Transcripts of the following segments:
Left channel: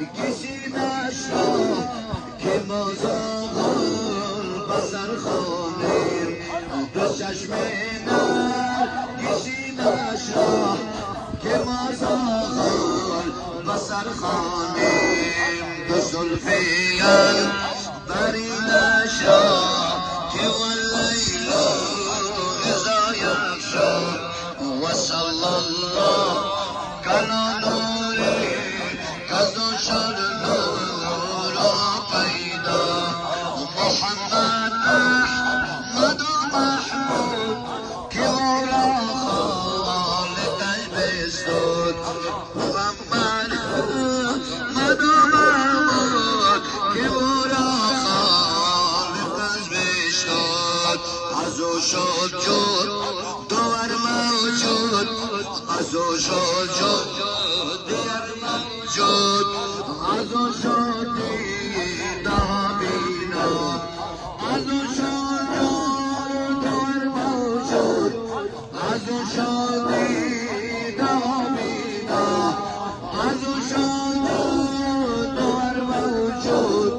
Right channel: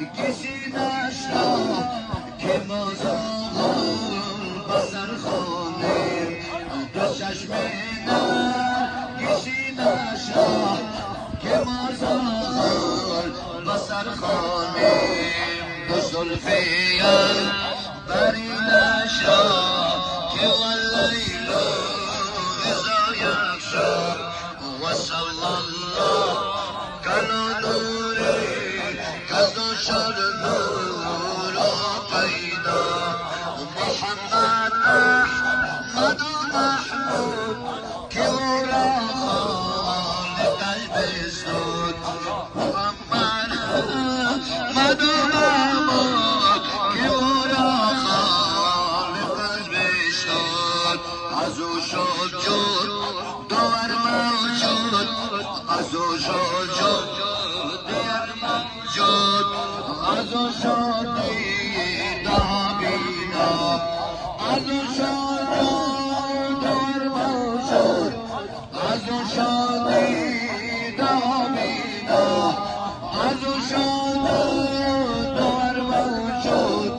کشیدش را که ما زاغل بسر خانیم دو چشم من کشیدش را که ما زاغل بسر خانیم دو زلفین بریدش را که واللیل نزایش را و صلی الله کلا نوری کلا شد نورا پیدا محمد احمد محمود که را خالق بستود محمد احمد محمود که را خالق بستود از او شد جور دور موجود از او شد جور دور موجود از او شد دیده بینا از او شد دور موجود از او شد دیده بینا از او شد دور موجود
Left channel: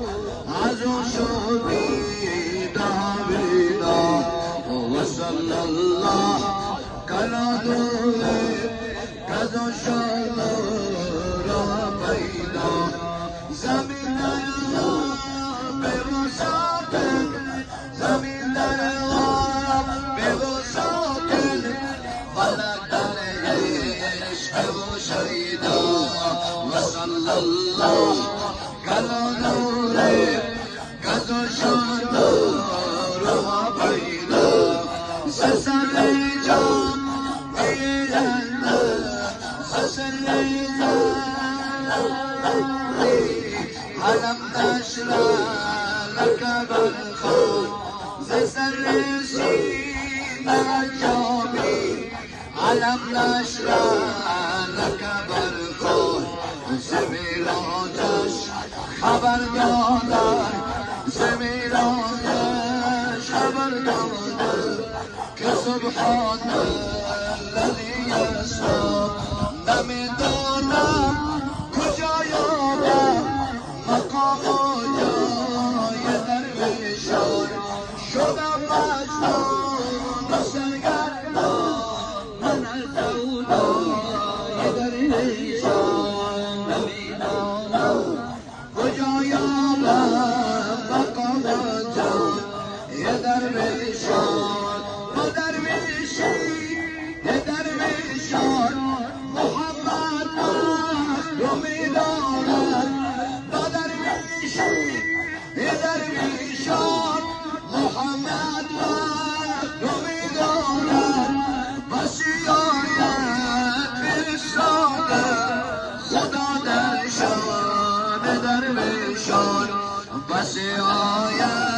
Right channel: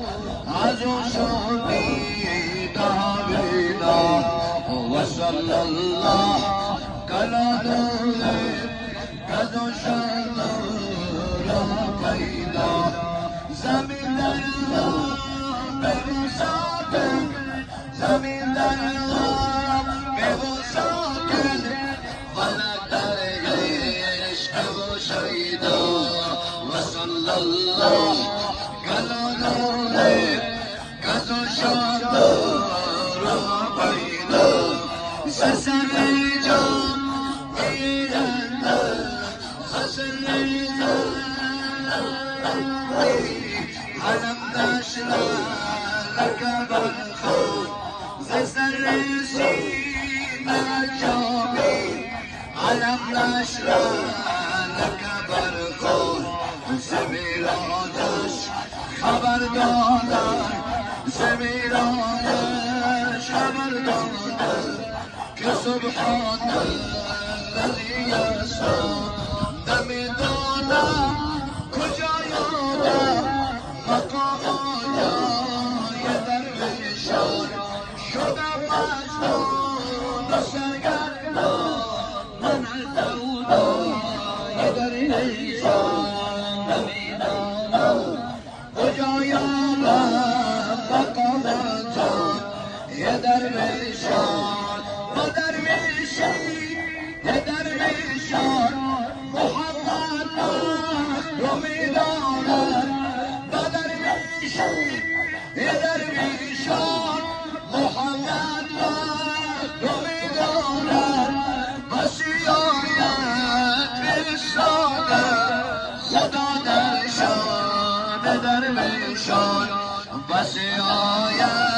از او شد دیده بینا و صلی الله کلا دوله کذا شد را پیدا زمین در به مسافر زمین در به مسافر فلک در عشق و شیدا و صلی الله کلا دوله کذا شد را پیدا سسر جان علم نشرح لك بالخوف زسر سيدك يومي علم نشرح لك بالخوف زمین آتش خبر دادن زمین آتش خبر دادن که سبحان الذي يسمع نمیدونم کجایانم مقام جای درویشان شدم مجنون سرگردان من سودای درویشان نمیدانم کجایانم مقام جای درویشان ما درویشی درویشان محمد رو میدانند با درویشی درویشان محمد رو میدانند بسی آید بشاند خدا در شان درویشان بسی آید